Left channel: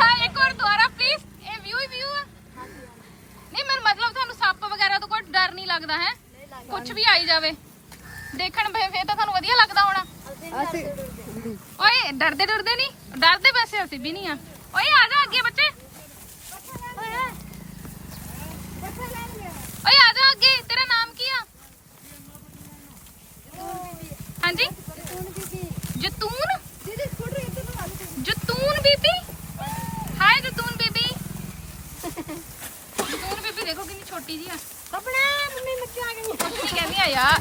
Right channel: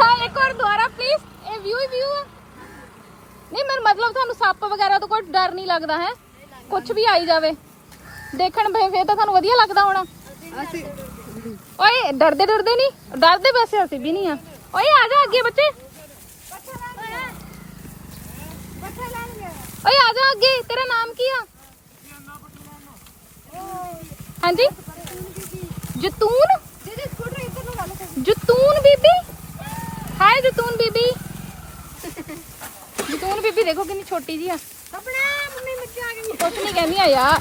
हाँ एक और दोबारा प्लीज। ये व्यू ही व्यू है नहीं मेरा मतलब थानू सप वगैरह तो कोई डर नहीं लगता है कुछ भी आई जावे देखण फिर तो थानू वधिया लगदा होना ओए डरदे डरदे नहीं डरदे वैसे असि भी नहीं ओए आ जा आगे बच्चे ओए आ जा आगे तेरा नाम की है हाँ जी जतून जतून बीबी हाय जतून बीबी जतून बीबी देखो कितनी छोटी जी है अपना मम्मी मच्छी आ गई कुछ नहीं कहनी है यार